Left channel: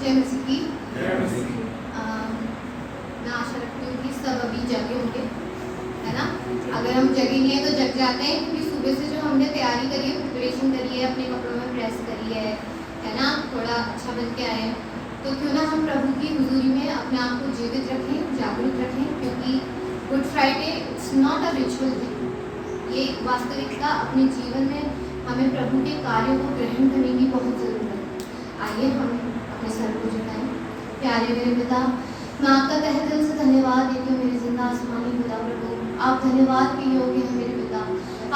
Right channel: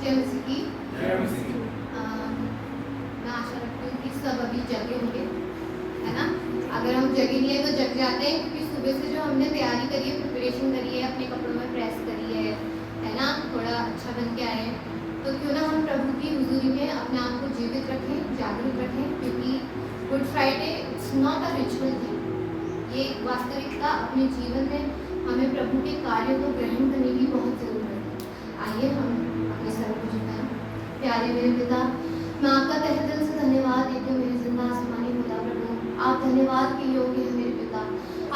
जय मसीह की। मैं आशा रखती हूँ कि सब अभी जगे होंगे, है ना। अगर हम जगे नहीं है तो जग जाते हैं, क्योंकि सुबह से जो हमने तैयारी करी है, प्रिपरेशन करी है, अपने कपड़ों में प्रेस करी है ना, थोड़ा अच्छा बन के आए हैं। तो क्यों ना हम प्रभु की हुजूरी में अपने आप को जीवित रखें, जागरूक रखें, क्योंकि good Friday it's not a ritual day, ये वास्तविकता अपने जीवन में हमें प्रभु के कार्यों को ग्रहण करने की बहुत ज़रूरत है। आइए हम अपने सर को झुकाएं। प्यारे मेरे पिता, मैं आपका तहे दिल से धन्यवाद देती हूँ मेरे जिंदा आसमानी पिता प्रभु। आप धन्यवाद के योग्य हैं मेरे पिता,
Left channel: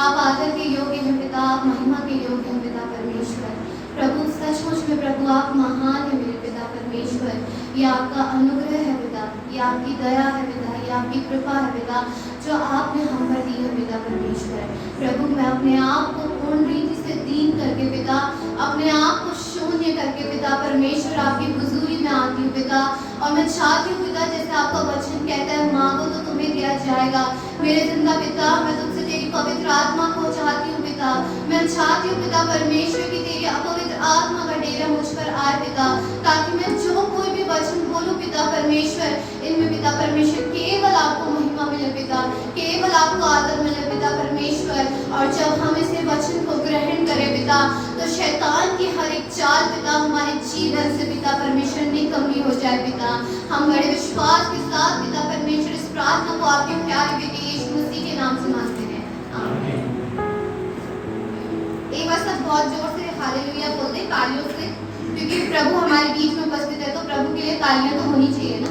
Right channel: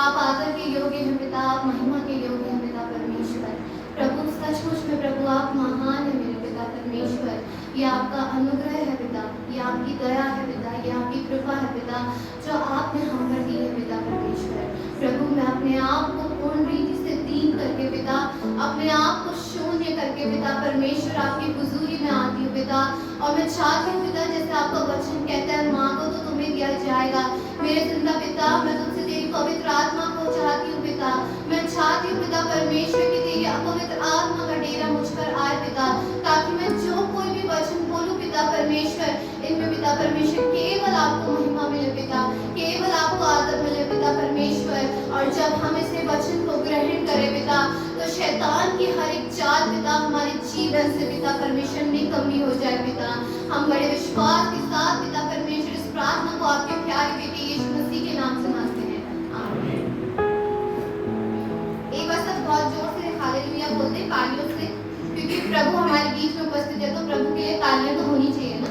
आप आदर के योग्य हैं पिता, आप महिमा के योग्य हैं पिता परमेश्वर। प्रभु सचमुच में प्रभु आप महान है मेरे पिता परमेश्वर। ये आपका अनुग्रह है पिता, ये आपकी दया है पिता, ये आपकी कृपा है पिता, जो आपने हम पर दी है पिता परमेश्वर। प्रभु मैं अपने आप को पूर्ण रीति से दीन करके पिता, अपने आप को शून्य करके पिता परमेश्वर आपकी हुजूरी में आती हूँ पिता। और मैं चाहती हूँ पिता, जैसे आपका वचन कहता है मांगो तो तुम्हें दिया जाएगा। मेरे जिंदा पिता, मैं तुमसे तेरी पवित्र आत्मा को चाहती हूँ पिता। मैं चाहती हूँ पिता परमेश्वर की तेरी अपवित्र आत्मा का डेरा मुझ पर आए पिता, ताकि मैं जो कोई भी वचन बोलूँ पिता परमेश्वर, इनमें पिता परमेश्वर केवल आपको महिमा मिले पिता, केवल आपको आदर मिले पिता परमेश्वर। और जब हम इसे वचन को ग्रहण करें पिता, तो शैतान की हर एक चाल पिता हमारे जीवन से पिता परमेश्वर निकम्मी हो जाए पिता। हम बड़े विश्वास के साथ पिता परमेश्वर इस प्रार्थना को आपके प्यारे बेटे यीशु मसीह के नाम से मांगते हैं, आमीन। एक बार सब बहुत जोर से हालेलुया बोलते हैं तालियों से, क्योंकि प्रभु हमारे बीच में उपस्थित है, तो प्रभु के लिए तालियां तो होनी चाहिए ना।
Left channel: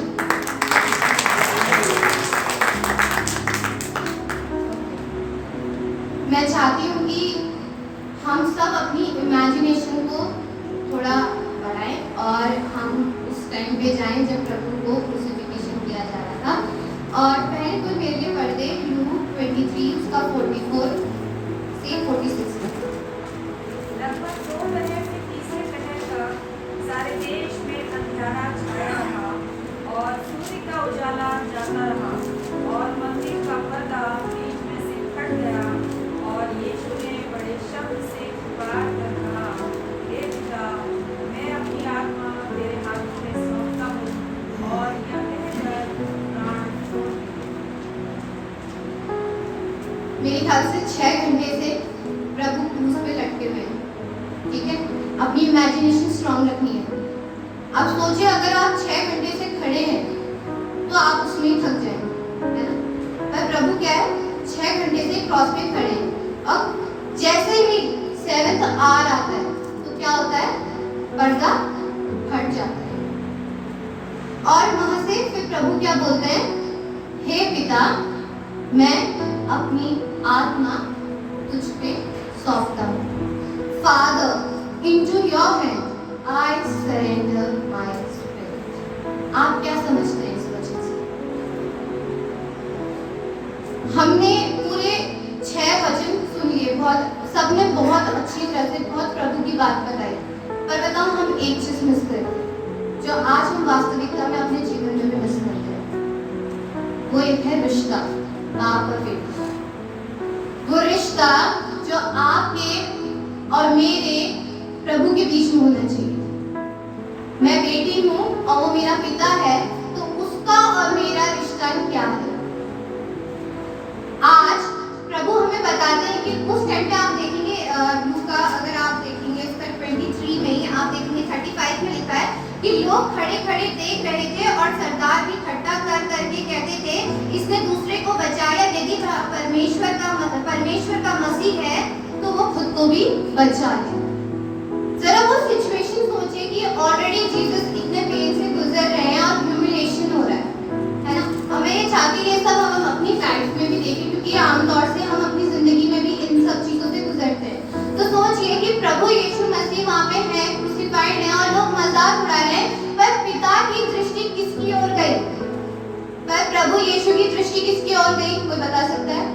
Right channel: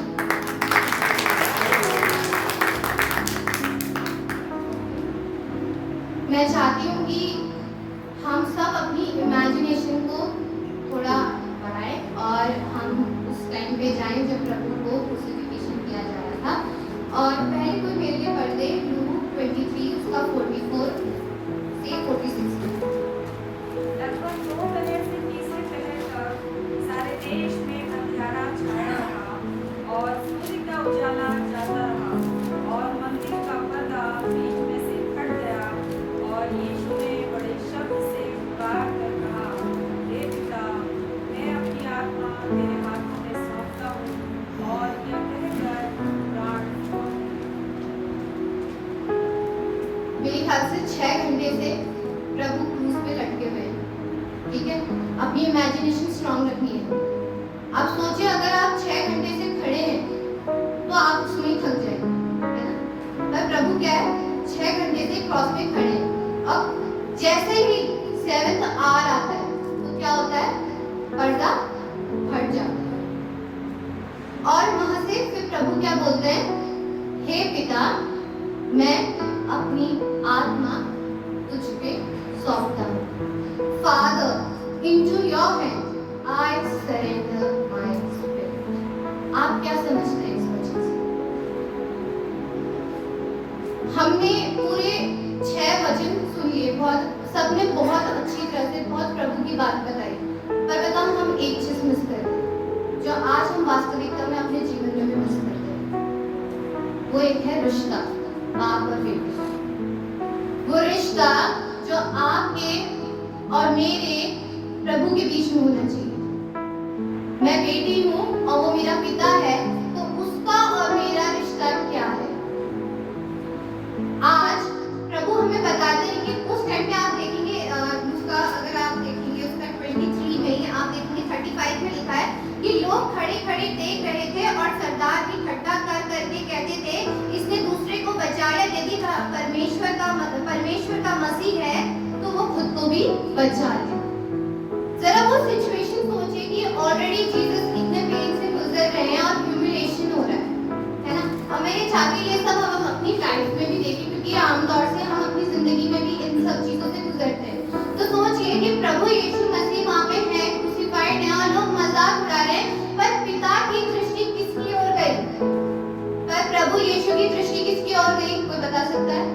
मैं चाहती हूँ कि हम सब अपनी इमेजिनेशन को थोड़ा बढ़ाएं और हम उस टाइम पे जाएं जब प्रभु को क्रूसिफिकेशन किया जा रहा था। और पहले कोई मेरे लिए पढ़ दे लूक 23 उसका 44 से 46 तक। लगभग 2 पहर से तीसरे पहर तक सारे देश में अंधियारा छाया रहा और सूर्य का उजाला जाता रहा और मंदिर का पर्दा बीच में से फट गया और यीशु ने बड़े शब्द से पुकार कर कहा, हे पिता, मैं अपनी आत्मा तेरे हाथों में सौंपता हूँ। और यह कहकर प्राण छोड़ दिए। मेरे ख्याल से 6 घंटे से प्रभु क्रूस पे लटके हुए हैं, ठीक है। अपनी इमेजिनेशन स्ट्रांग रखनी है। अब सोचिए अगर आप 6 घंटे से खड़े हैं तो आप उसमें ही थक जाएंगे, है ना। पर प्रभु क्या है, 6 घंटे से क्रॉस पे खड़े हैं। अब जैसे ही 7th आवर आता है तो क्या होता है, पर्दा हट जाता है और वहां से फिर प्रभु क्या बोलते हैं, हे पिता, मैं अपनी आत्मा तुझ पे सौंपता हूँ। Father, into your hand I surrender my spirit। आप क्या समझते हैं इस वचन से? हमने पूरे 6 वचन सुन लिए, बहुत सबने बहुत अच्छी तरह से बहुत प्रभु की बात बताई, पर बताऊं हम एक चीज मिस करते हैं, जो आज हम वास्तविकता में अपने जीवन में भी मिस करते हैं। वो एक है रिश्ता बाप और बेटे। वो रिश्ता जो आपके और मेरे प्रभु के बीच में होना चाहिए। मैं बेटी हूँ और वो मेरा पिता है, तो उसका और मेरा रिश्ता क्या है? आज प्रभु हमें बताते हैं कि उस टाइम पे आप देखेंगे लूका, अगर आप देखेंगे उसका 23 में ही आप देखेंगे 35 में लिखा है कि लोग खड़े खड़े देख रहे थे और सरदार भी ठट्टा कर करके कहते थे, इसने दूसरे को बचाया, यदि परमेश्वर का मसीह है तो वो खुद को भी बचा ले। जरा वो सिचुएशन सोचिए कि ऑलरेडी जीसस इतने पेन से गुजर रहे हैं और ह्यूमिलेशन हो रहा है ना। हमें ये चाहते ये सब हम अपनी लाइफ में भी देखें, क्योंकि आमतौर से हम अपनी जिंदगी में भी इन सब चीजों से गुजरते हैं। तो सोचिए कि प्रभु यीशु मसीह वहाँ पे है, क्रूसिफाइड है और लोग मजाक उड़ा रहे हैं, पर पिता की दृष्टि किसकी ओर गई? पर प्रभु यीशु की दृष्टि किसकी ओर गई? कोई बता सकता है?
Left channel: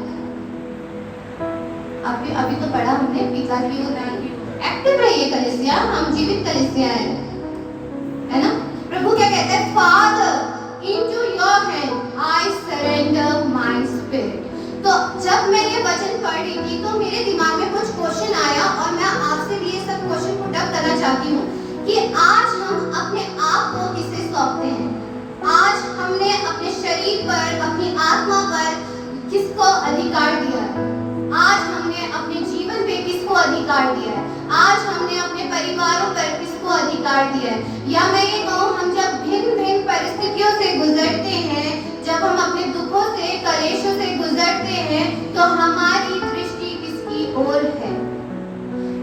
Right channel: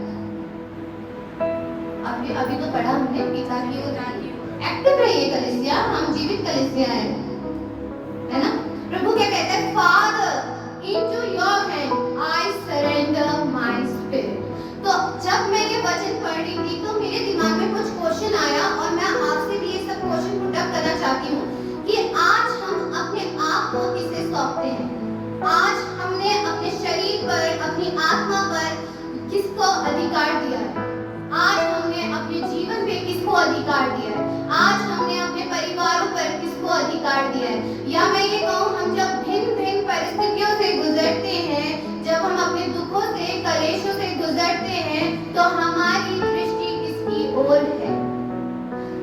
अभी तो पढ़ा हमने, पिता की ओर गई। एक्टिव रहिए कलीसिया, हम जीवित कलीसिया है ना। प्रभु क्या कहता है, father, into your hand I surrender my spirit। तो जब मैं ये वचन पढ़ रही थी तो मेरे दिमाग में कुछ क्वेश्चन आया और मैं आपसे भी ये सब क्वेश्चन पुट अप करना चाहती हूँ कि आज हम अपने आप आपको किसे सौंपते हैं? आज हमने अपने शरीर पर, अपनी आत्मा पर किसको अधिकार दिया है? आज हमने अपने जीवन पे किसको अधिकार दिया है? आज हमने अपने परिवारों पर किसको अधिकार दिया है? या मैं ये कहूँ, हम जब भिन्न भिन्न परिस्थितियों से गुजरते हैं, जब हम अपने दुखों से, कलेशों से गुजरते हैं, तो हमारी दृष्टि किसकी ओर है?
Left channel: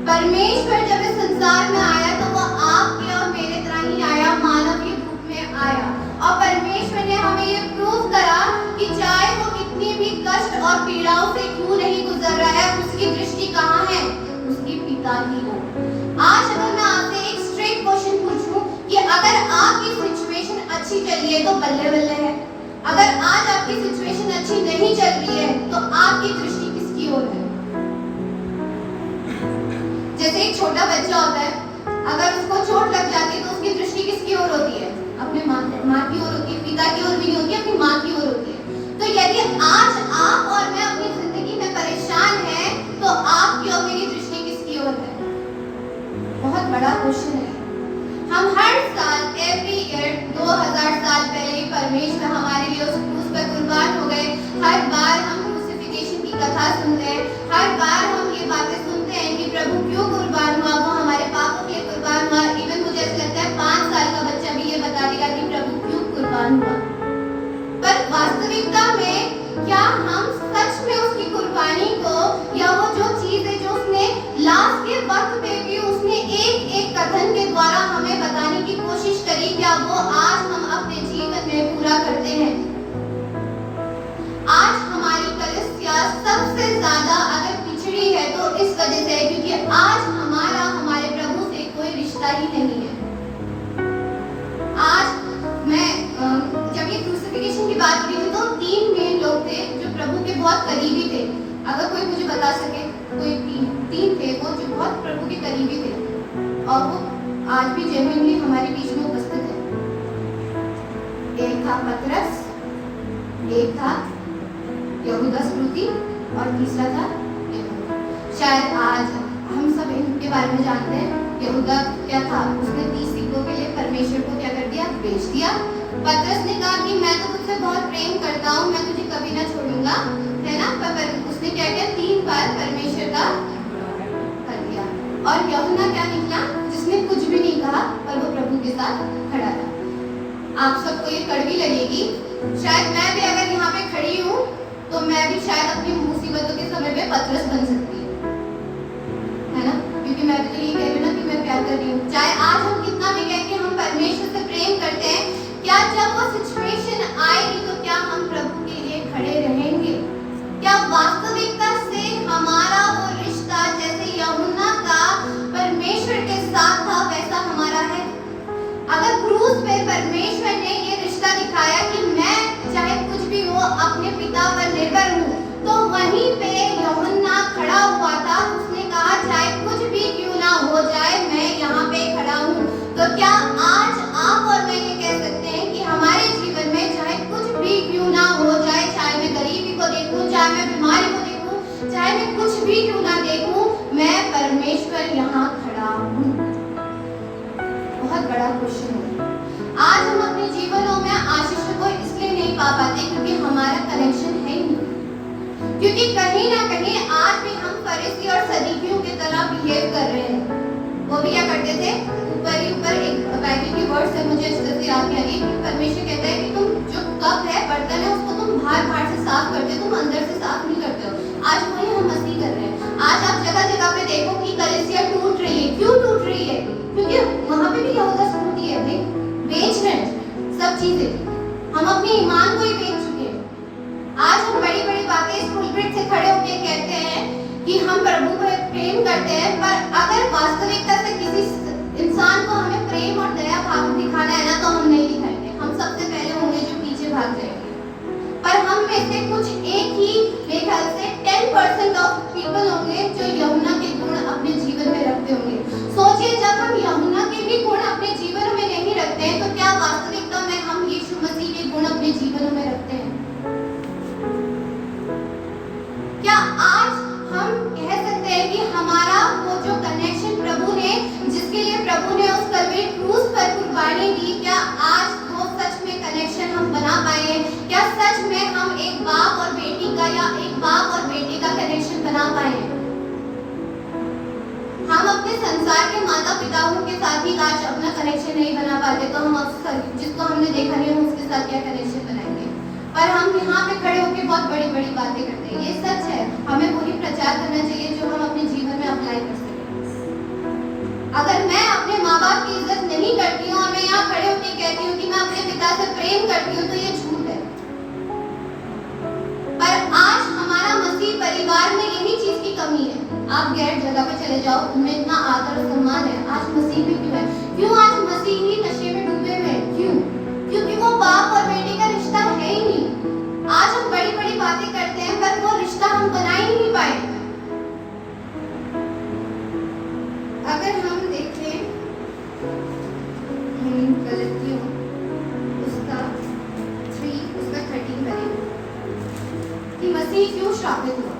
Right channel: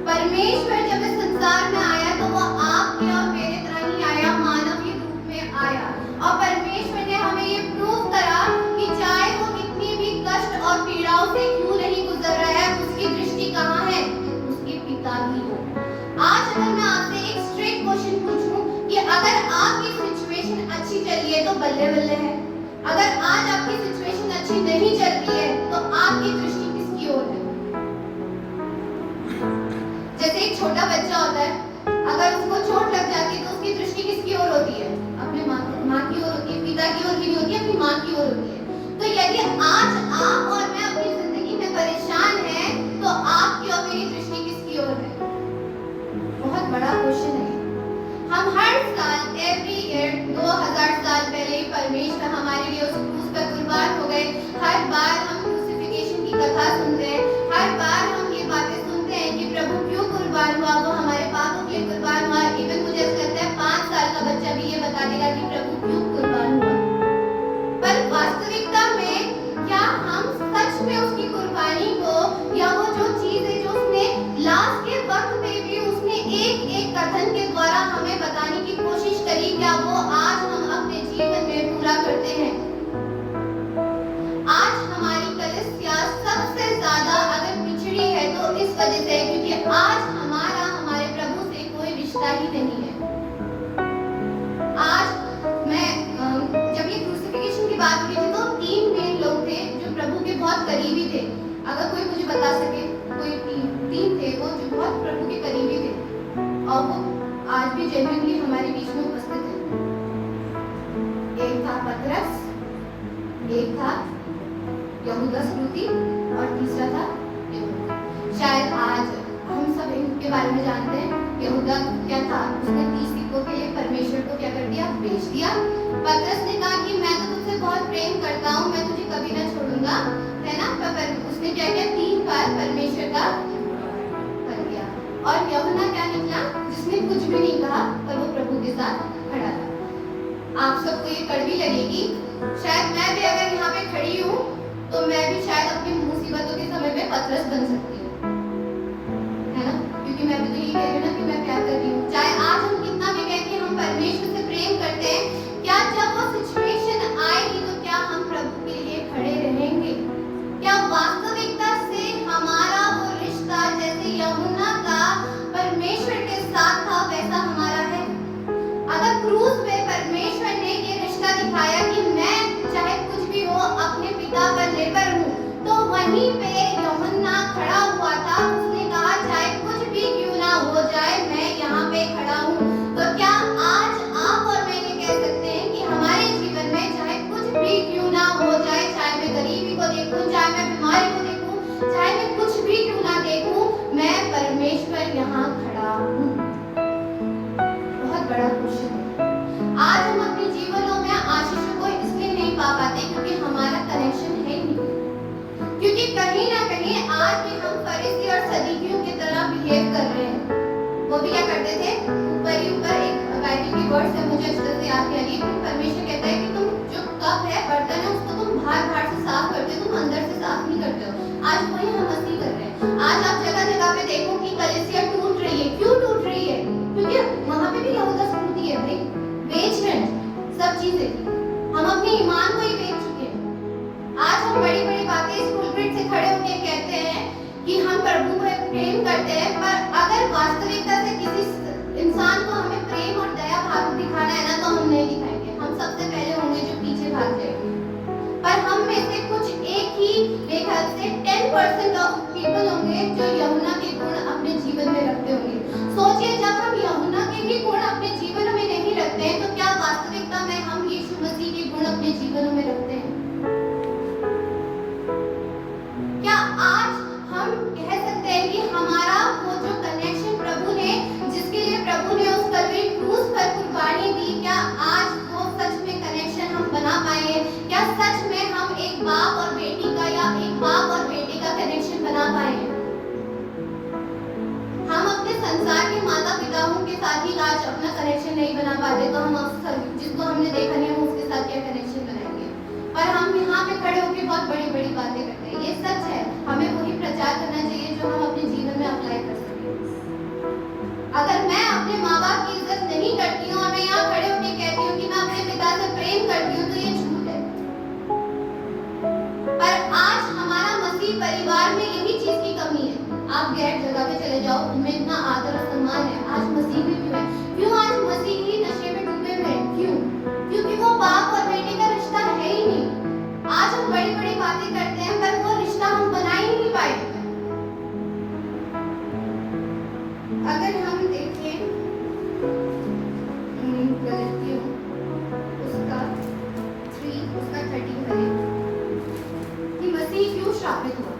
परमेश्वर जब इस संसार में आया तो वो आपके और मेरे तरह ही आया, मानवीय रूप में आया। और परमेश्वर ने हमें ये प्रूव करा कि चाहे वो कितनी भी कष्ट और पीड़ाओं से क्यों नहीं गुजर रहा है, उसकी दृष्टि कहाँ है? उसके पिता ही हो। आज अगर मैं आपसे एक स्ट्रेट क्वेश्चन पूछूं कि अगर आपकी सिचुएशन अच्छी चल रही है तो बल्ले बल्ले है, अगर आज आपकी सिचुएशन अच्छी नहीं चल रही है तो आपकी दृष्टि किसकी ओर है? जैसे एक छोटा बच्चा होता है, अगर उसको चोट लग जाती है तो उसकी दृष्टि किसकी ओर होती है? अपने माँ की ओर होती है, पिता की ओर भी नहीं होती, अपनी माँ की ओर होती है। तो यदि आज आप और मैं अपनी जिंदगी में परेशान हैं, तो आपकी और मेरी दृष्टि किसकी ओर है? बहुत बड़ा क्वेश्चन है। हम हर साल, एवरी ईयर, 2000 साल पहले ही परमेश्वर हमारे लिए उस क्रूस पर कुर्बान हो गए। हर बार हम क्रूसिफिकेशन की कथा सुनते हैं, हर बार हम ये बातें सुनते हैं कि प्रभु क्यों कुर्बान हुआ, वो हमारे पापों के लिए कुर्बान हुआ। इवन मुझे ऐसा लगता है 5 साल का बच्चा भी ये बता देगा कि प्रभु क्यों कुर्बान हुआ। पर वास्तविकता में क्या हम सच में उसकी कुर्बानी को, या वो जो चीज है जो उसने लास्ट के वक्त पे भी उसने एक एक कथन के द्वारा हमें बताने की कोशिश करी, क्या वो आज हम अपने जीवन में पूरा करते हैं? आज हमारी कलीसिया सबसे ज्यादा अगर पिछड़ी है तो इस वजह से है क्योंकि आज हमारे प्रभु से कोई रिश्ता ही नहीं है। आज मैं जब ये क्रूसिफिकेशन की बात हो रही थी तो 3 मेन लोग थे जो प्रभु के बहुत करीबी थे। अगर कोई मुझे बता सके, कोई 3 थे वो जो बहुत प्रभु के करीबी थे और वो आज भी जेन्युइनली हमारे बीच में उपस्थित है। एक था पतरस, एक था यहूदा इस्करियोती और तीसरा था यहूदा। शायद आज हम सब इनके बारे में जानते हैं। यहूदा क्या था? उसने 30 सिक्कों के लिए परमेश्वर को क्या कर दिया? बेच दिया। पतरस ने कहा कि मैं तो तुझसे बहुत प्रेम करता हूँ, मैं तुझे कभी ना छोड़ूंगा, है ना? पर उसने क्या किया? 3 बार परमेश्वर का कर दिया। और यहूदा क्या निकला? जिसने कुछ भी नहीं कहा पर वो प्रभु के साथ खड़ा रहा। आप सबको ये कड़वी लगेगी, शायद मैं भी अगर यहाँ पे खड़ी हूँ तो मैं भी शायद अपनी मुसीबतों के समय पे पतरस बन सकती है ना? क्योंकि मैं भी तो यही कह रही हूँ ना कि मैं प्यार कर रही हूँ। चाहे आज हम कितना भी कहें कि हम परमेश्वर से प्रेम करते हैं, क्या जब वो सिचुएशन आएगी तो क्या हम प्रभु के लिए खड़े रहेंगे? क्या वास्तविकता से हमारा वो रिश्ता जैसे यूहन्ना का परमेश्वर के साथ था वैसा हमारा है? अगर क्रूस पे परमेश्वर ने ये रिश्ता दिखाया कि मैं चाहे कुछ भी हो अपने पिता पर निर्भर हूँ, तो वहीं पे यूहन्ना खड़ा हुआ था। उसने कहा चाहे कुछ भी क्यों ना हो जाए मैं यहाँ पे खड़ा हूँ। तो क्या आज आप और मैं ये कह सकते हैं कि हमारे जीवन में चाहे कुछ भी क्यों ना हो जाए, चाहे मैं गरीबी को देखूं, चाहे मैं बीमारी को देखूं, चाहे मैं कुछ भी क्यों ना देखूं, मैं परमेश्वर यहाँ खड़ा हूँ? बहुत बड़ा क्वेश्चन है। आज हम अपने जीवनों में आशीषों को इसलिए नहीं पा पाते क्योंकि हमारा कनेक्शन है नहीं, क्योंकि कहीं ना कहीं आज भी हम फरीसी और सदूकियों की तरह बिहेव कर रहे हैं। वो भी क्या करते थे? ऊपर ही ऊपर एक बाइबल की वर्ड से मुझे अच्छे से याद नहीं आ रही, परमेश्वर कहता है कि तुम जो कप है, बर्तन है, उसको तुम बाहर से साफ करते हो, तुम अंदर से साफ नहीं करते हो। आज वही हम मस्ती कर रहे हैं। आज आप जगह जगह पे देखो कि कलीसिया टूट रही है। क्यों टूट रही है? क्योंकि वहां पे भी यहूदा इस्करियोती है भाई, बेच रहे हैं सब चीजें। हम अपने ईमान को ही बेच चुके हैं। आज हम बड़ी बड़ी बातें इस पुलपिट से खड़े होकर कहते हैं कि हम प्रभु को प्रेम करते हैं, पर अगर वास्तविकता से किसी इंसान को हमें प्रेम और दया भाव दिखाना है ना, तो हम नहीं दिखाएंगे। हम सबसे पहले होंगे जो पीछे भाग जाएंगे। पर हम में से कुछ एक ही, मेरे ख्याल से 10% ऑफ पीपल होंगे जो यूहन्ना के गुण अपने जीवन में रखते होंगे। सोचिए, जब हम यूहन्ना के भी गुण अपने जीवन में नहीं रखते हैं, तो क्या वास्तविकता में हम यीशु मसीह के गुण अपने जीवन में रखते हैं? क्या आज हम कह सकते हैं कि हमारा वो जो कनेक्शन प्रभु ने जिसके लिए प्रभु ने उस कलवरी क्रूस पर कुर्बानी दी, क्या आज वो सच में कनेक्शन हम बना पाए हैं? क्या सच में हम एक बाप और बेटी का या एक बाप और बेटे का कनेक्शन बना पाए हैं? हम अपने संसार के माता पिताओं के साथ ही आज अपना कनेक्शन नहीं बना पाते, तो हम जिसको हमने देखा नहीं हम उसके साथ क्या कनेक्शन बनाएंगे? पर हम यहाँ पे खड़े होकर बहुत बड़ी बड़ी बातें करते हैं। ये सच है, हमें वही प्रचार करना चाहिए जो हम अपने जीवन में अप्लाई कर सकें। अगर मैं अपने माँ बाप की इज्जत नहीं करती हूँ और मैं यहाँ खड़े होकर कहती हूँ कि मैं अपने पिता से प्रेम करती हूँ, तो ये झूठ है। पर आज हमारा मसीह परिवार में यही चीज की कमी है। आप गैर जगह पे चले जाओ, उनमें इतना आदर और सम्मान है, आज मसीह में क्यों है? क्यों आज मसीह ही नशे में डूबे हुए हैं? क्यों? क्योंकि वो बाप और बेटे का रिश्ता है ही नहीं। आज हम बड़ी बड़ी बातें करते हैं पर वो रिश्ता हम बना ही नहीं पाए। अगर हम देखें गलतियों उसका 13 करें कि मसीह क्यों श्रापित हुआ।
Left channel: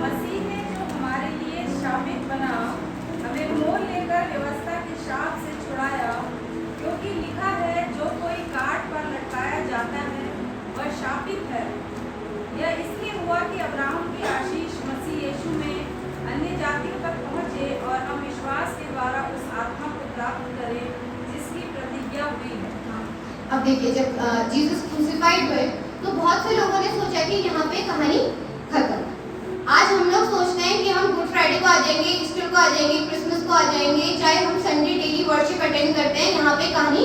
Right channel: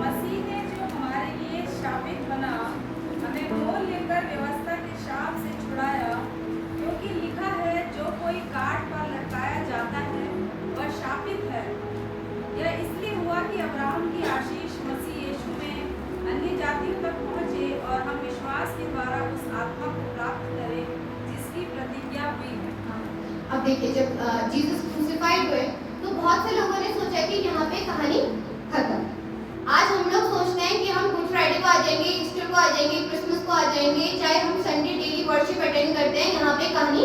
मसीह ने जो हमारे लिए शामिल बना, हमें मोल लेकर व्यवस्था के शाप से छुड़ाया, क्योंकि लिखा है जो कोई काट पर लटकाया जाता है वह शापित है। यह इसलिए हुआ कि अब्राहम की आशीष मसीह यीशु में अन्य जातियों तक पहुँचे और हम विश्वास के द्वारा उस आत्मा को प्राप्त करें जिसकी प्रतिज्ञा हुई है। अब देखिए, जब जीसस क्रूसिफाइड हुए तो बहुत से लोगों ने सोचा कि यहाँ पे कहानी खत्म। आज हम लोग सोचते हैं कि हम गुड फ्राइडे को आ जाएंगे, ईस्टर को आ जाएंगे, क्रिसमस को आ जाएंगे, चाहे हम संडे डेली वर्शिप अटेंड करते हैं, यहाँ पे कहानी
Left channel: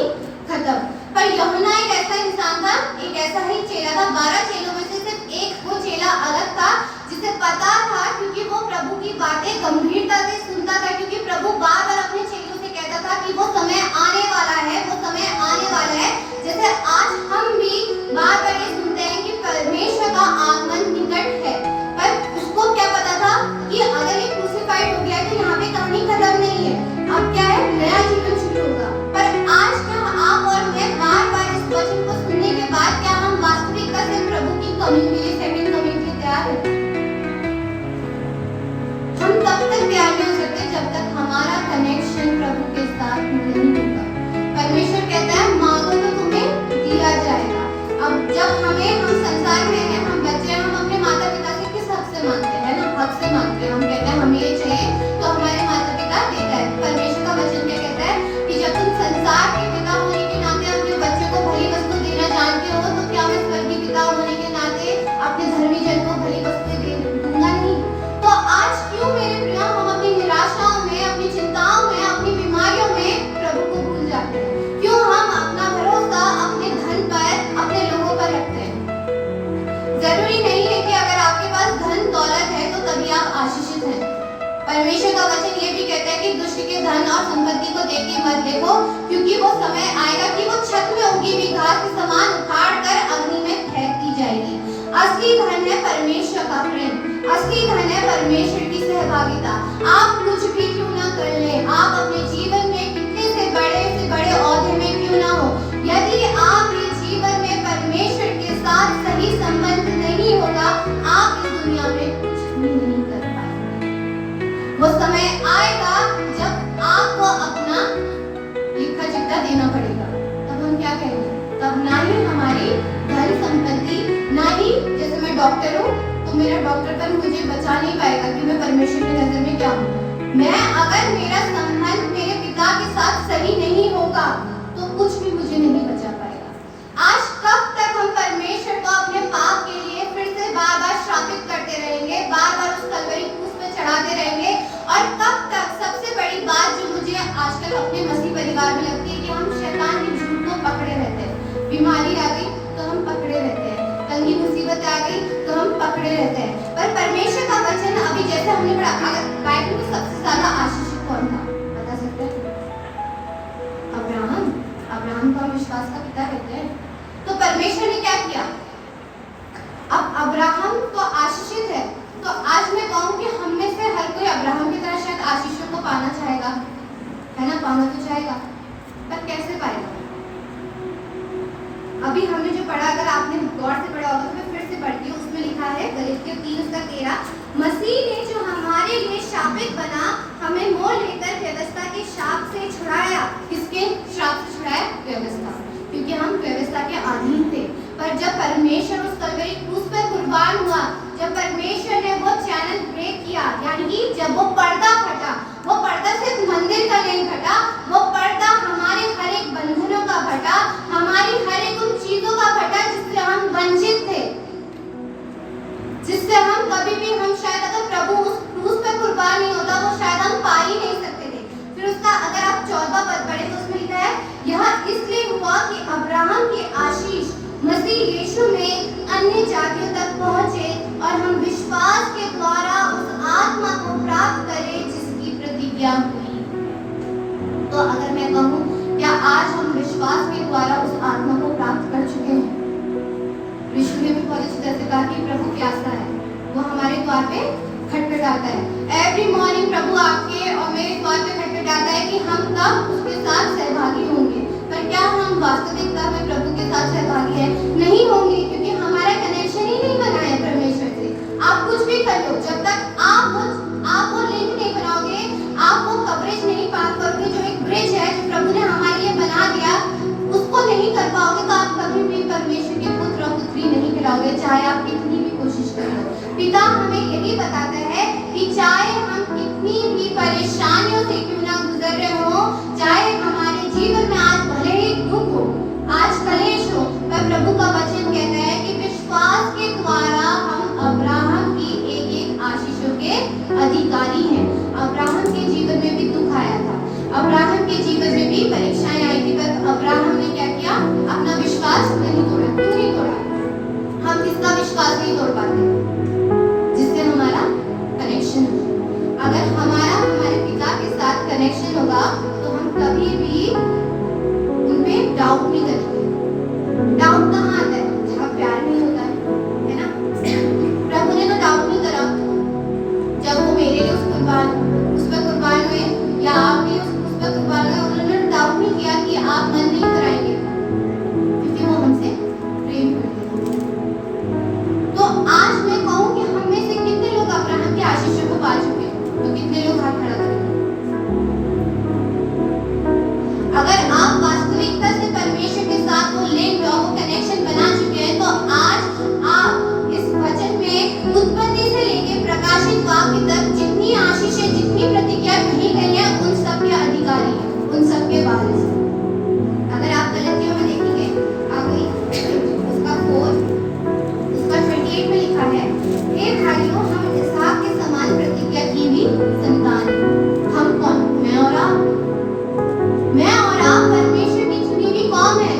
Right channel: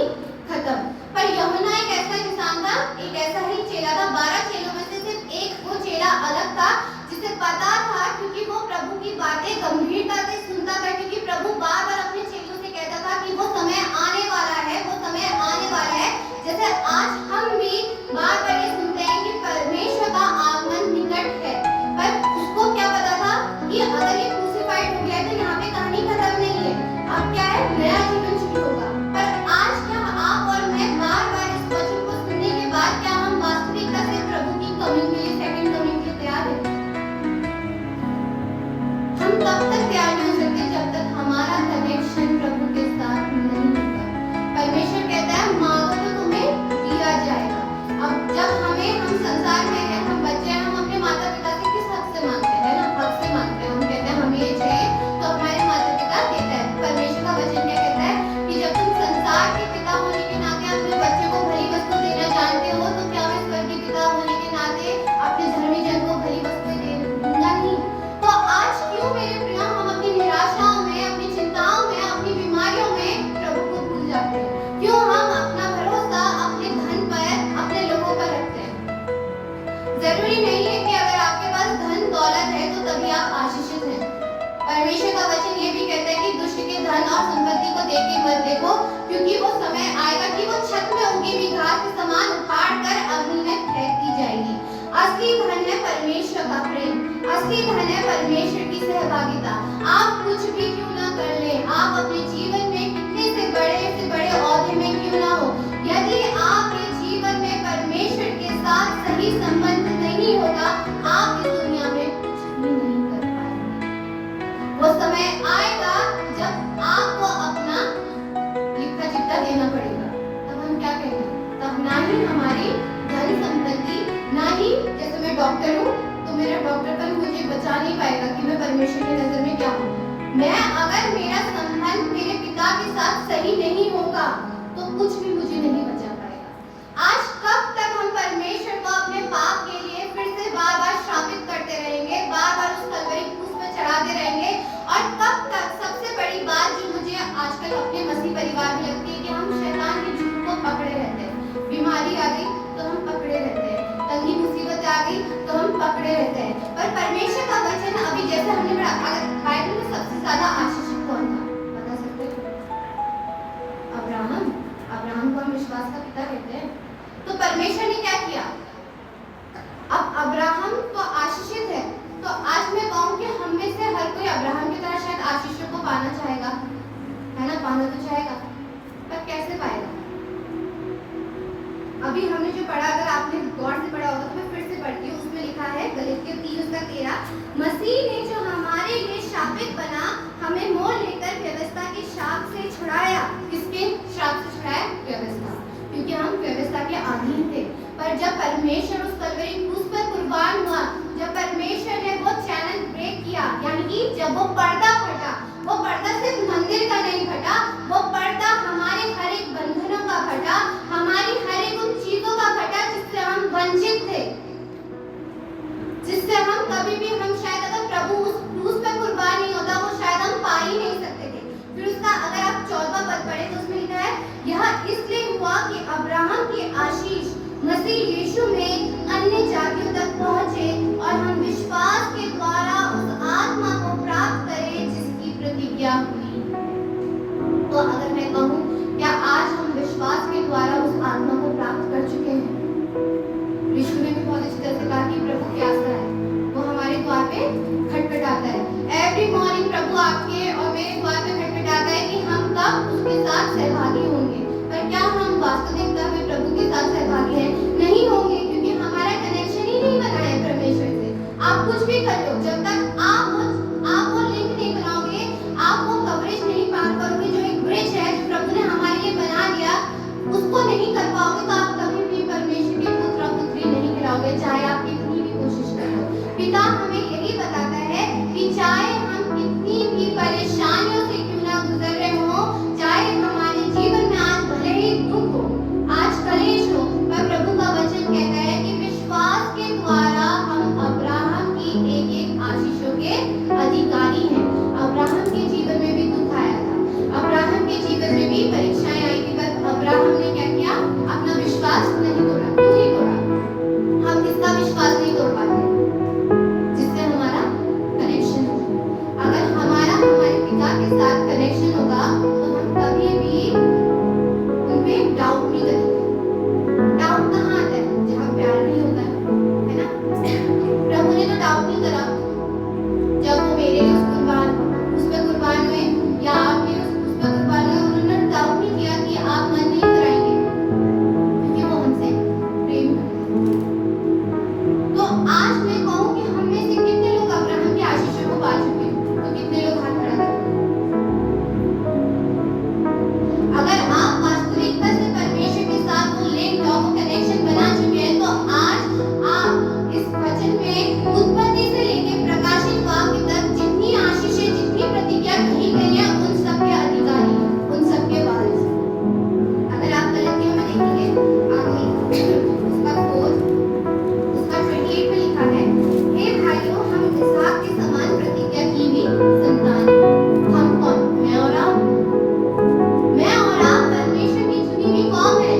खत्म। पर यूहन्ना एक ऐसा इंसान था, एक ऐसा ही चेला था, 12 चेलों में से सिर्फ एक वो चेला अलग था जिसे पता था, क्योंकि वो प्रभु की बातें गंभीरता से सुनता था, क्योंकि प्रभु बार बार अपने चेलों से कहता था कि वो समय आने वाला है, वो समय आने वाला है। जैसे आज हम भी बार बार ये सुनते हैं कि परमेश्वर का आगमन निकट है, पर उसको क्या पता था कि अगर ये क्रूसिफाइड हो गया है तो यहाँ पे कहानी खत्म नहीं है, अब क्या है, नया जीवन शुरू होगा। पर आज क्या आप और मैं बार बार इस वचन को सुनने के बाद क्या हम वास्तविकता से प्रभु की कमिंग के लिए, सेकंड कमिंग के लिए तैयार हैं? हम तब तक तैयार नहीं हो सकते जब तक हमारा कनेक्शन प्रभु के साथ नहीं होगा। परमेश्वर कहता है मांगो तो तुम्हें दिया जाएगा। अब जब हम संसार में हैं, हम बच्चे हैं, हम अपने माता पिता से किस हक से मांगते हैं? ना हक से मांगते हैं। हम कहते हैं हमें ये चाहिए, तो हमारे माता पिता देता है। परमेश्वर का वचन क्या कहता है कि जब तुम संसार के पिता होने के नाते अपने बच्चे को भली वस्तु देना जानते हो, तो क्या मैं स्वर्गीय पिता होने के नाते अपने धर्मी जन को भली वस्तुएं दूंगा नहीं? तो आज क्यों मेरे प्रिय हम अपनी निराशाओं में, अपनी चिंताओं में, अपनी बीमारियों में प्रभु को भूल जाते हैं? क्यों हम अपना भरोसा अपने धन पर, अपने लोगों पर रखते हैं? जरूरी नहीं है कि अगर आपके पास धन दौलत है तो तभी आप आशीषित हैं। परमेश्वर का वचन ये भी कहता है कि दुष्ट के धन और संपत्ति को देख के मत देखो, क्योंकि वो समय आएगा कि वो छत में उगी हुई घास के समान उखाड़ कर अग्नि में फेंक दी जाएगी। असली धन है परमेश्वर का प्रेम, असली धन है परमेश्वर की सहभागिता। आप कुछ भी क्यों ना कर ले, आप अपने जीवन में कितने से बड़े औहदे में क्यों ना हो, यदि आपके जीवन में परमेश्वर के साथ सही संबंध नहीं होगा, आप इस दुनिया में कुछ भी नहीं कर पाएंगे। वो समय आएगा जब आपको अपना लिखा चिट्ठा देना पड़ेगा, तब हम क्या कहेंगे? तब ना ही हमारी धन संपत्ति, ना ही जैसे मैं डॉक्टर हूँ तो मेरा डॉक्टर पर मुझे बचा नहीं पाएगा कि मैं परमेश्वर की नजर में क्या हूँ। मैं अगर मेरा संबंध मेरे पिता के साथ सही नहीं होगा तो कुछ भी मुझे नहीं बचा पाएगा। आज कब तक हम परमेश्वर को अपने पाप के लिए फिर से बार बार श्रापित करते रहेंगे, बार बार उस कलवरी क्रूस पे चढ़ाते रहेंगे? और कब तक, सबसे बड़ी बात जो मुझे आजकल अपने मसीह परिवार में लगती है कि हम शैतान के झूठ को पकड़े रहते हैं। बीमारी आ गई तो हम पकड़े रहते हैं, तंगी मुसीबत आ गई तो हम पकड़े रहते हैं। पर परमेश्वर का वचन अभी जैसे हमने पढ़ा, अगर बाइबल में सबसे ज्यादा आशीषित कौन था बता सकते हैं? अब्राहम को हम विश्वास का पिता कहते हैं। तो परमेश्वर ने क्या किया? अब अब्राहम तो आशीषित है, तो आज मैं कहूँ कि हम में से हर कोई अब्राहम की तरह शायद आशीषों को पाना चाहेगा, है ना? पाना तो चाहेगा, पर कैसे पाएगा? अभी हमने जो पढ़ा, अगर आपने गौर से पढ़ा होगा तो मैं फिर से पढ़ती हूँ। उसमें लिखा है गलातियों 3:13, मसीह ने जो हमारे हमें मोल लेकर व्यवस्था के श्राप से छुड़ाया। किसके श्राप से छुड़ाया? व्यवस्था, क्योंकि हम व्यवस्था के अधीन थे। पर जब परमेश्वर उस कलवरी क्रूस पर कुर्बान हुआ, जब परमेश्वर ने वो चैनल ब्रेक किया, यानी कि जब वो पर्दा फटा, वो पर्दा सिर्फ मंदिर का नहीं फटा, वो पर्दा हमारे हर एक बंधनों का फटा, हमारी हर एक उन चीजों का फटा जिससे हम वंचित थे, जिससे हम कभी भी, हम शायद अगर प्रभु उस क्रूस पे कुर्बान नहीं होता, वो शायद हम पा ही नहीं सकते थे। फिर उसका अगर आप 14वां पद पढ़े तो उसमें लिखा है, यह इसलिए हुआ कि अब्राहम के आशीष मसीह यीशु में अन्य जातियों तक पहुंचे और हम विश्वास के द्वारा उस आत्मा को प्राप्त करें जिसकी प्रतिज्ञा हुई। तो अगर मैं कहूँ, क्या आज हम विश्वास के द्वारा उस आत्मा को प्राप्त कर चुके हैं? यीशु ने भी बहुत अच्छी तरह से कहा कि प्रभु प्यासा है, वो हमारे द्वार पे खटखटाता है। एवरी मॉर्निंग प्रभु आपके और मेरे द्वार पे खटखटाता है कि हम कब उसके साथ सहभागी होंगे। पर क्या हम वास्तविकता में प्रभु के साथ सहभागी हैं? नहीं होंगे, क्योंकि हमारा कनेक्शन ही नहीं बना है परमेश्वर से। आप कुछ भी कर लो, जब तक आप वो लिंक नहीं बनाओगे, आप वो कवरेज नहीं पार करोगे, जो एक ब्रिज है जो प्रभु ने हमारे लिए बना दिया, उसको नहीं कर पाओगे, तो आप कभी भी परमेश्वर के पुत्र और पुत्री नहीं कहलाओगे, चाहे आप कितनी भी कोशिश कर लो। पिता हमें यही बताता है कि चाहे हम कितनी भी परेशानियों से क्यों ना गुजर रहे हो, चाहे हमारे जीवन में आज भले ही दुख हो, आज कलेश हो, पर प्रभु का वचन कहता है कि विश्वास के द्वारा हम अब्राहम की एक एक आशीषों के अधिकारी हैं। अब्राहम के जीवन में भी दुख आया था, अब्राहम के जीवन में भी परीक्षाएं आई थी, पर अब्राहम ने क्या किया? अपना विश्वास नहीं तोड़ा। क्यों नहीं तोड़ा? हम किसका विश्वास नहीं तोड़ पाते? जिससे हमारा कनेक्शन हो। अगर हमारा हमारे पिता के साथ कनेक्शन होगा तो हम कभी भी उनपे डाउट नहीं करेंगे। डाउट कहाँ आता है? जहाँ प्यार नहीं होता है ना? प्रभु ने तो डाउट नहीं करा जब वो मेरे लिए उस पर कुर्बान हुए, या आप भी उस पर कुर्बान हुए। उन्होंने डाउट नहीं किया कि आप मन नहीं कराएंगे, क्योंकि वो हमसे प्रेम करते हैं। तो आज मैं कहूँ कि हम में से कितने लोग अब्राहम के आशीषों को पा चुके हैं? तो कितने लोग हाथ खड़ा करें? अगर आप वास्तविकता से परमेश्वर के साथ वो लिंक और वो कनेक्शन बना चुके हैं, तो आज आप इस वचन में उत्पत्ति से लेकर प्रकाशित वाक्य तक जितनी आशीषें, जितनी प्रतिज्ञा कही गई है, उन सब के अधिकारी हैं, उन सब के वारिस हैं। अगर आप गलतियों में देखेंगे, आगे उसका 28 में लिखा है, हे भाइयों, हम इसहाक के समान प्रतिज्ञा की हुई संतान हैं। हम कौन? मैं और आप परमेश्वर की चुनी हुई कौम है।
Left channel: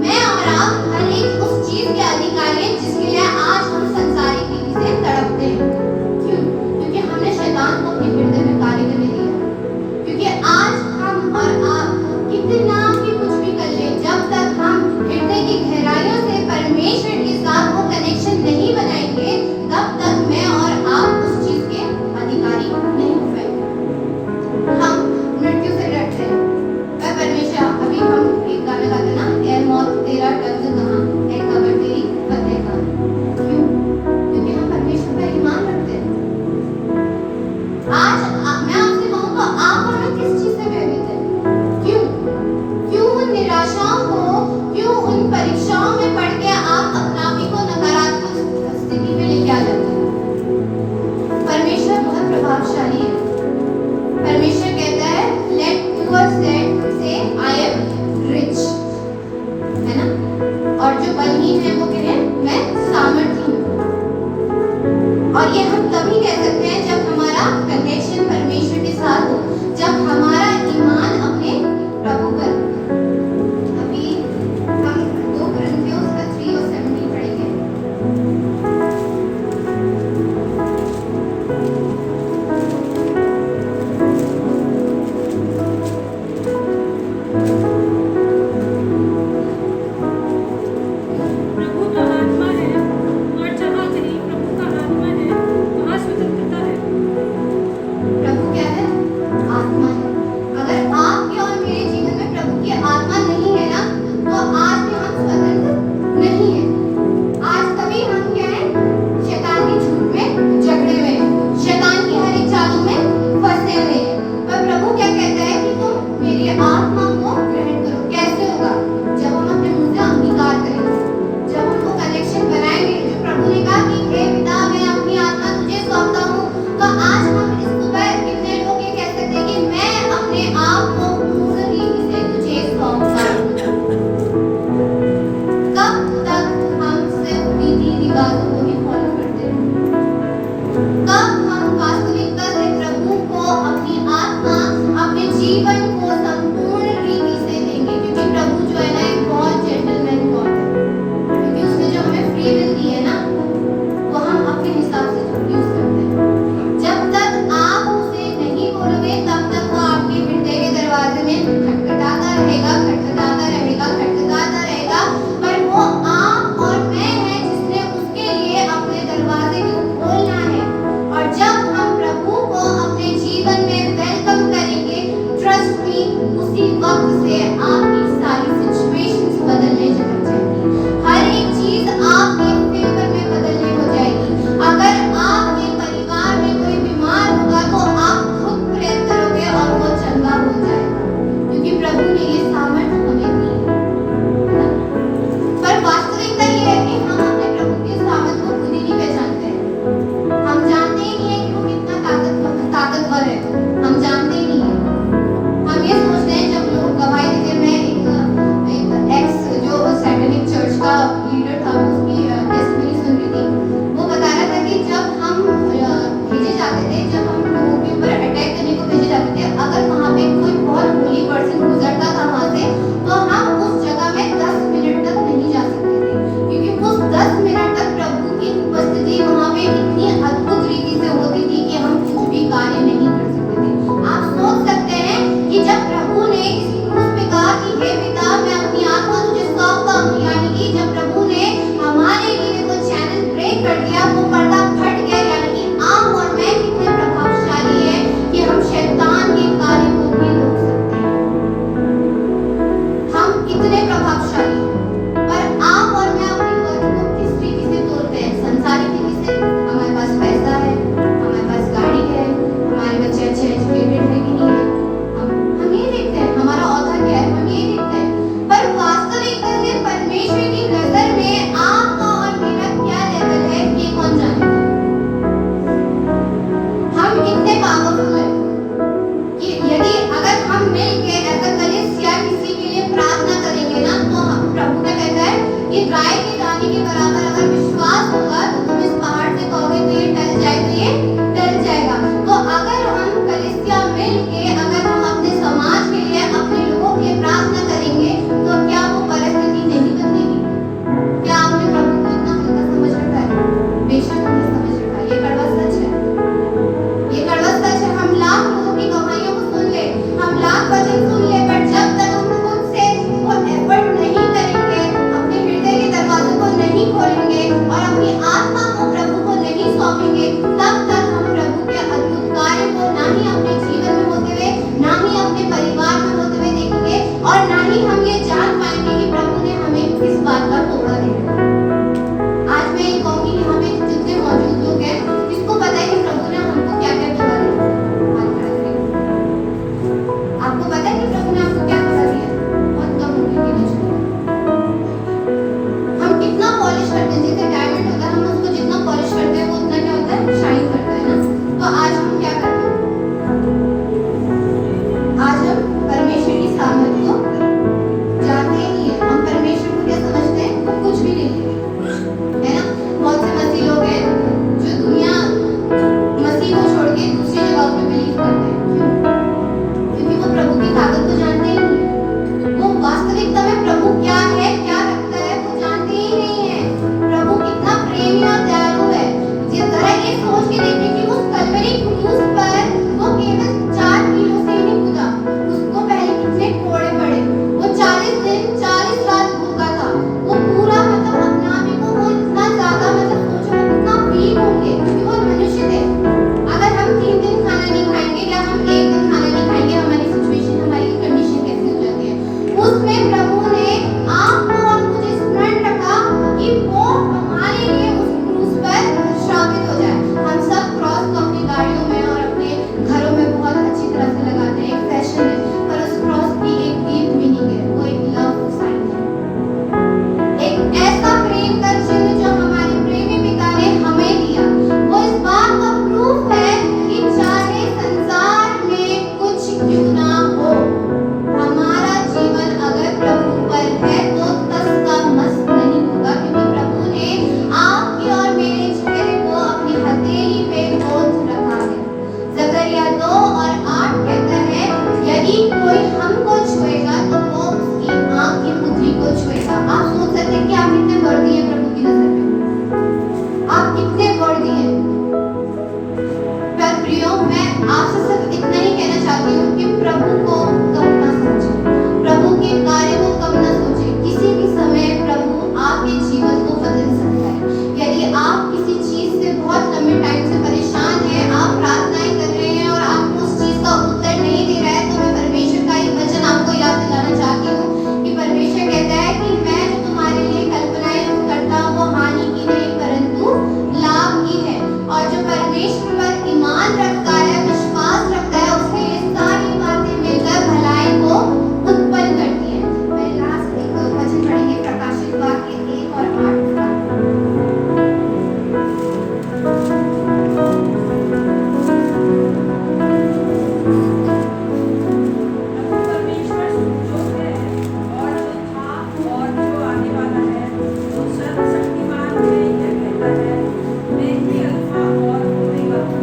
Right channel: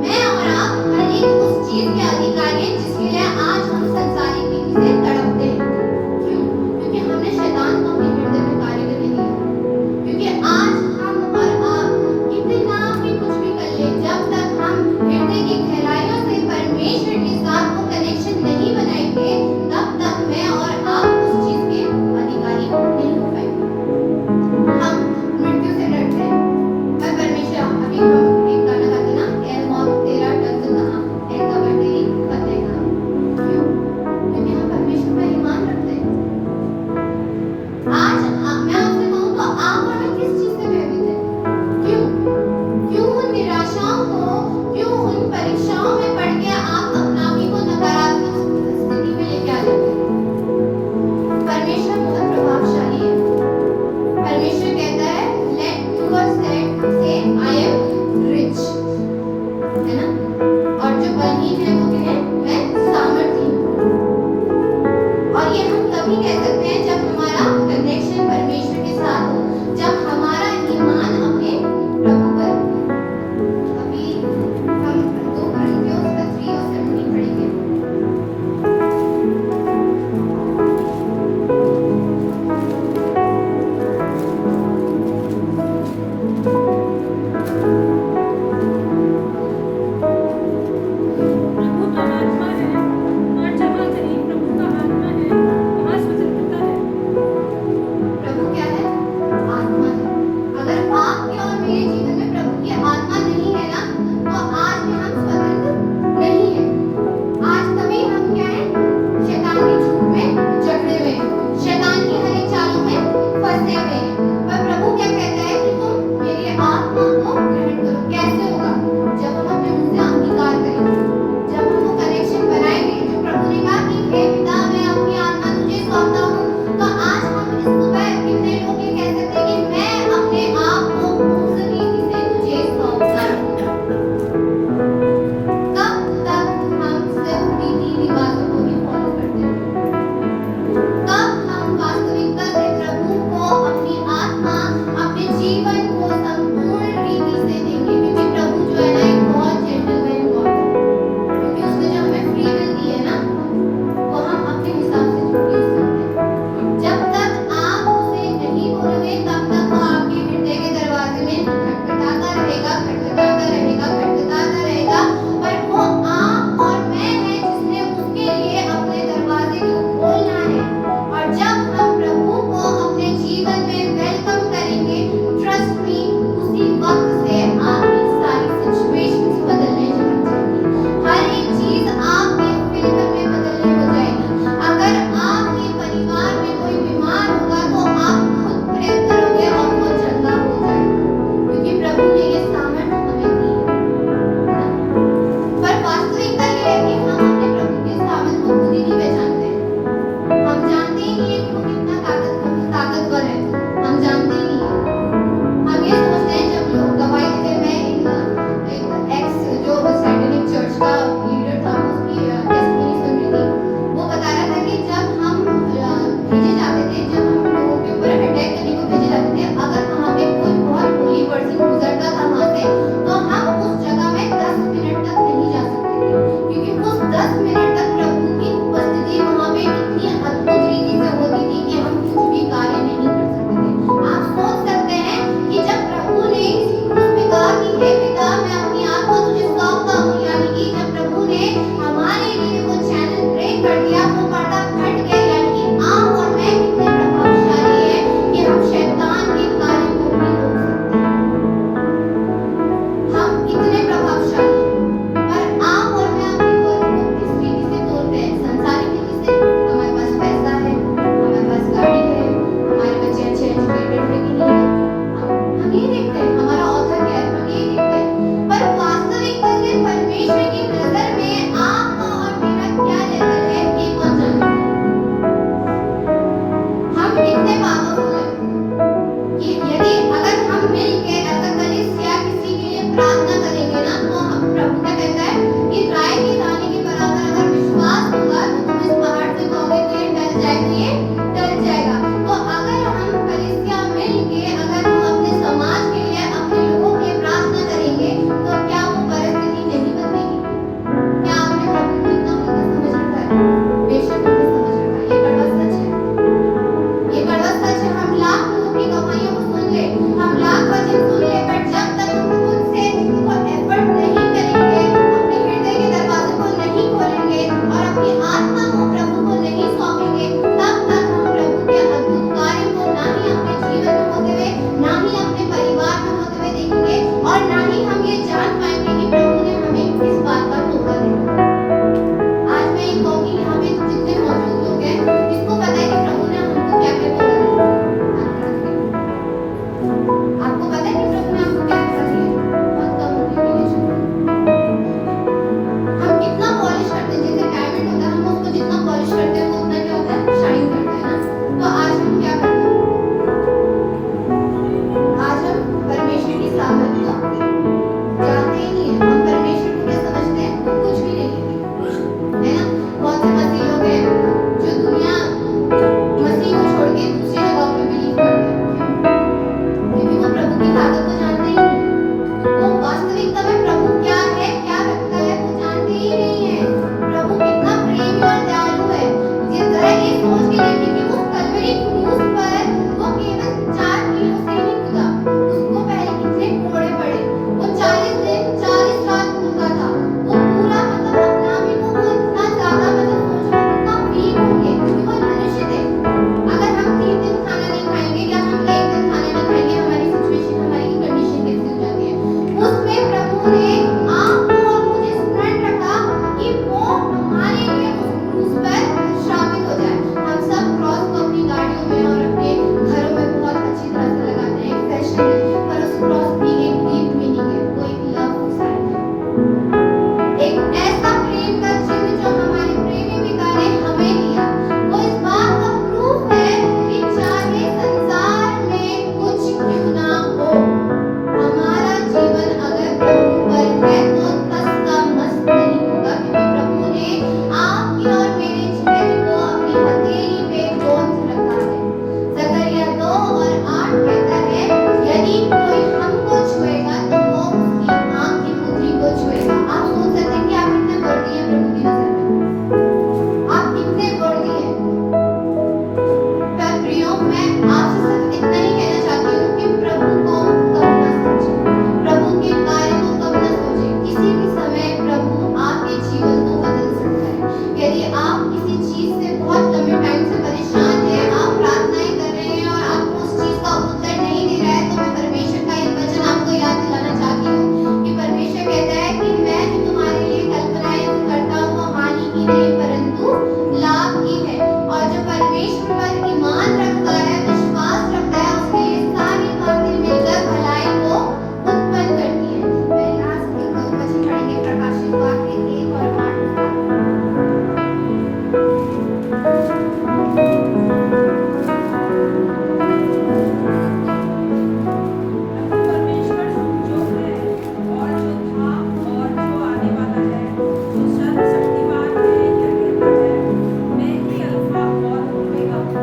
मैं और आप हर एक उस चीज के अधिकारी हैं जिसके लिए आज हम संसारिक रीति से तड़पते हैं। क्यों? क्योंकि हमने शैतान को अपने हृदय में कार्य करने दिया। क्योंकि आज हम और आप कितना भी कुछ भी कर ले, जब तक हम हृदय की गहराइयों से परमेश्वर के साथ वो कनेक्शन नहीं बनाएंगे, तब तक मैं और आप उस चीज के अधिकारी नहीं हो पाएंगे। हम मृत्यु से डरते हैं, पर परमेश्वर, अभी हम एक गाना गाते ना, ए मौत तेरा डंक कहाँ, ए कब्र तेरी फतेह कहाँ। जीना दयालु है। जरा ये सोच के देखिए कि उस कलवरी क्रूस पर वो केवल 4 कीलों से ही नहीं कूदा, उसको पहले कितने कोड़े पड़े। वो 40 दिन 40 रात भूखा था। वो पूरा मतलब अपने आप ही को वो इतना ज्यादा मतलब सोचो वो कितना वीक होंगे, क्योंकि वो मनुष्य थे। अगर हम 3 दिन खाना नहीं खाएंगे या हम 1 दिन खाना नहीं खाएंगे, हमारी सिचुएशन, हमारी कंडीशन कैसी हो जाती है। उसमें प्रभु ने आपको और मुझे स्मरण रखा कि वो हमारे लिए उस क्रूस पर श्रापित हो जाए। हम सब क्रॉस को अपनी गाड़ियों में और अपने घरों में बहुत अच्छी तरह से लगाते हैं, एक फैशन है, पर उस क्रॉस की एक डीप मीनिंग है, वो एक लव साइन है, एक ऐसा प्रेम का चिन्ह जो हमारे प्रेमी पिता ने हमें दिया। वो इस बात का प्रूफ है कि चाहे संसार में कुछ क्यों ना हो, हमारा जीवन अगर प्रभु पर है तो तस का मस्त नहीं होगा, क्योंकि प्रभु ने आपके और मेरे चेहरे को अपनी हथेली पे गोंद रखा है। जकरिया 2 और 8 कहता है, यदि कोई हमको छुएगा तो वो उसकी आंख की पुतली को छुएगा। आप सोच सकते हैं कि आप कितने वर्दी हैं प्रभु की नजर में, आप कितने वर्दी हैं। पर प्रियो, मैं आपसे सिर्फ इतना ही कहना चाहती हूँ कि प्रभु को कम ना सोचें, प्रभु के कार्य को कम ना सोचें। किसी भी समय प्रभु आपके जीवन को बदल सकता है। यदि आप किसी चीज से बहुत लंबे टाइम से परेशान हैं, आप प्रार्थनाएं कर रहे हैं और आपको उस चीज का उत्तर नहीं दे रहा है, तो मैं परमेश्वर का एक वचन आपको याद दिलाना चाहती हूँ कि परमेश्वर कहता है कि मैं जो तुम्हारे लिए कल्पनाएं करता हूँ वो हानि की नहीं परंतु लाभ की है। और जो परमेश्वर पर ईमान रखता है, विश्वास रखता है, उसके लिए सारी बातें मिलकर भलाई को उत्पन्न करती है। मैं लास्ट एक वचन पढ़ेंगे, प्रकाशित वाक्य 1 और 8 का। प्रभु परमेश्वर जो है और जो था और जो आने वाला है, वो सर्वशक्तिमान से यह कहता है, मैं ही अल्फा और ओमेगा हूँ।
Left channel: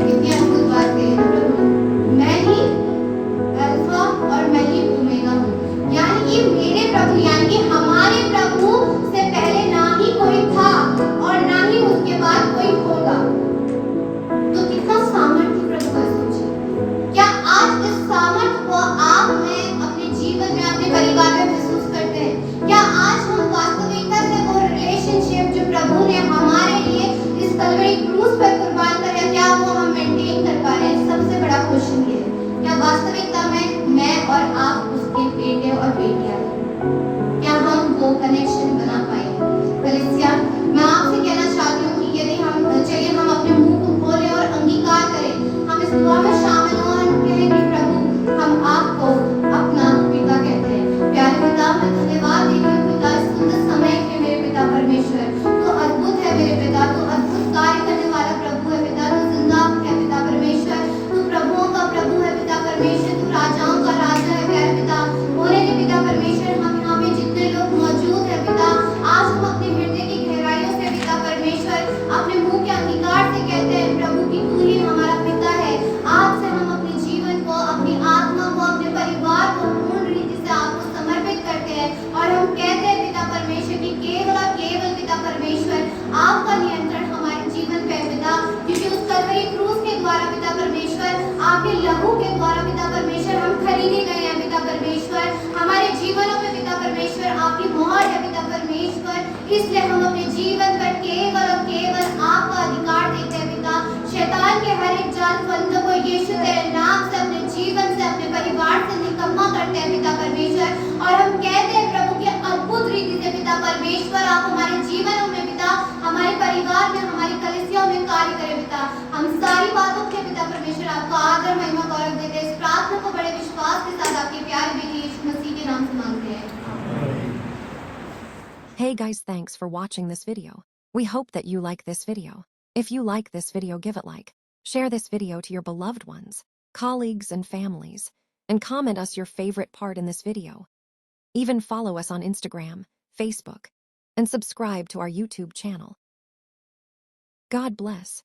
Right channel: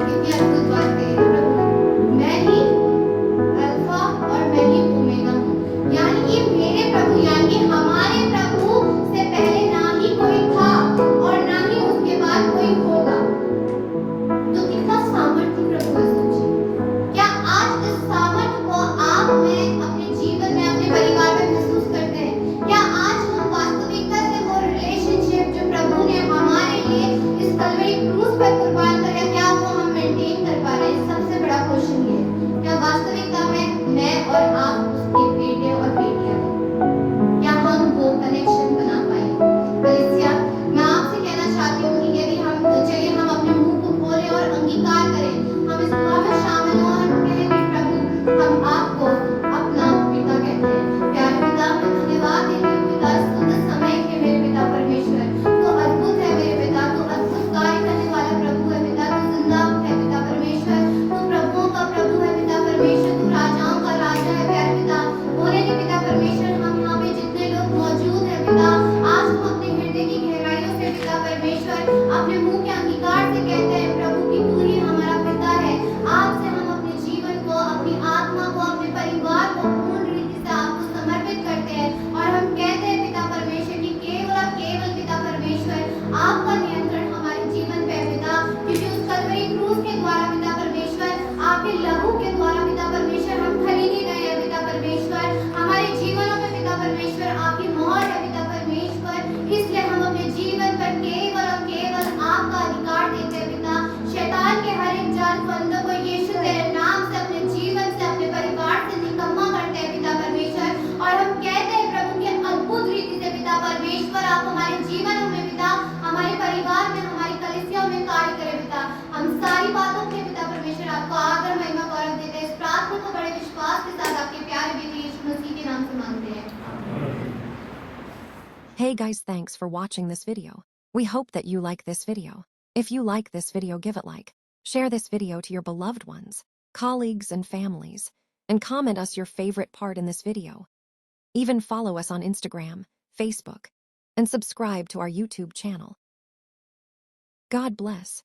कितनी अद्भुत बात कही है प्रभु ने। मैं ही अल्फा और मैं ही ओमेगा हूँ। यानी कि मेरे प्रभु, यानी कि हमारे प्रभु से पहले ना ही कोई था और ना ही उसके बाद कोई होगा। तो कितना सामर्थ्य प्रभु है, सोचिए। क्या आज इस सामर्थ्य को आप में अपने जीवन में, अपने परिवार में महसूस करते हैं? क्या आज हम वास्तविकता से वो रिलेशनशिप जो प्रभु ने हमारे लिए इस कलवरी क्रूस पर कुर्बान किया, क्या वो हम मेंटेन कर पा रहे हैं? सबसे बड़ा क्वेश्चन ये है। क्या वास्तविकता में मैं और आप उसके बेटे और बेटियां हैं? क्या हम वो कनेक्शन बना पाए? कलीसिया, मैं आपसे कहना चाहती हूँ कि यदि हम चलिए हम अपने मुंह को खोलें और अंगीकार करें, हम इस दुआ में शामिल हों और कहें कि प्रभु, हम आपको अपना पिता कहते हैं। प्यारे पिता, मैं धन्यवाद देती हूँ पिता इस सुंदर समय के मेरे पिता परमेश्वर। तो अद्भुत है मेरे पिता, तो अद्भुत कार्य करने वाला प्रभु है पिता, तू जिंदा है पिता परमेश्वर, तू प्रभुओं का प्रभु है पिता परमेश्वर, तू राजाओं का राजा है प्यारे पिता। होने दे पिता परमेश्वर, हम यहाँ पे जितने लोग मौजूद हैं पिता, आज हम अपने हृदय की गहराइयों से पिता परमेश्वर अपने मुंह के अंगीकार से कहते हैं प्रभु कि तू ही हमारा पिता है। आज से हम अपने जीवन को, अपनी आत्मा को, अपने परिवार को पूर्ण रीति से आपको समर्पित करते हैं और हम कहते हैं पिता परमेश्वर कि केवल और केवल पिता परमेश्वर आपका नियंत्रण हमारे जीवन पे है पिता, क्योंकि उस कलवरी क्रूस के द्वारा पिता परमेश्वर, आपके लहू के द्वारा पिता परमेश्वर हम खरीदे गए हैं पिता परमेश्वर। हमारे जीवनों में पिता परमेश्वर आपकी मोहर है पिता परमेश्वर, इसलिए हम अपने जीवन पर केवल और केवल आपका अधिकार देते हैं पिता। शैतान के हर एक जाल फंदों को यीशु तेरे नाम से, अपने जीवन से, अपने परिवार से निकम्मा करते हैं पिता परमेश्वर। और हम कहते हैं प्रभु कि अद्भुत रीति से पिता परमेश्वर आप हमारे जीवनों में पिता, हमारे परिवार में, हमारी कलीसियाओं में कार्य करें पिता। हम सारी बातों के पिता परमेश्वर आपको आदर, महिमा, गौरव देते हैं। इस प्रार्थना को बड़े विश्वास के साथ आपके प्यारे बेटे यीशु मसीह के नाम से मांगते हैं। Hey guys, thanks for watching this video. We hope that you like this video. If you like this video, give it like. Share this video to your beloved ones, colleagues and families, and comment us your favorite part in this video. Even follow us on Instagram, Facebook, and subscribe to our YouTube channel. God bless.